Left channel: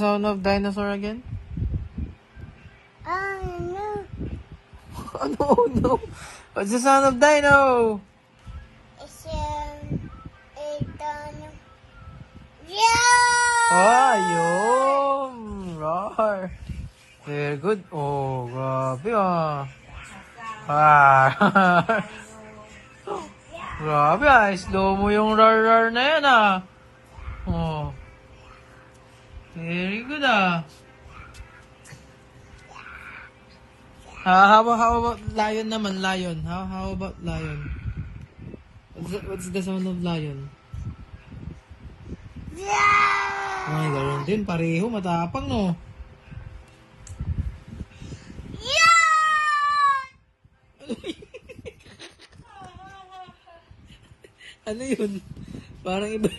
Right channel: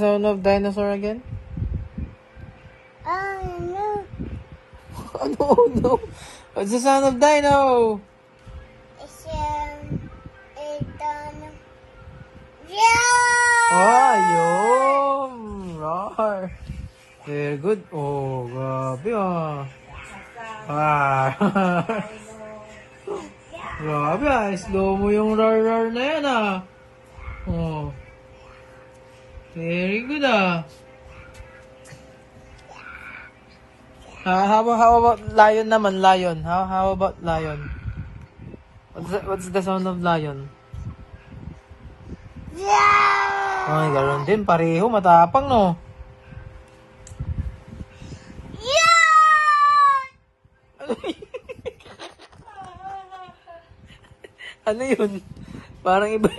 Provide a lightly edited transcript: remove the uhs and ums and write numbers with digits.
Sound of dinosaur again? Oh no. Oh no. What's the sound of dino? It's yeah. Ah, yun. Roar. Very good. Oh, grabe ah. Ah. Grabe ah. Slow mo yung roar na yan ah. Oh. Very good ah. How about lion naman? Lion. How about lion? What's the sound of lion? Yeah. Ay, ganoon din. Pareho. Matapang, no? Yeah. Ano yun? Parang iba.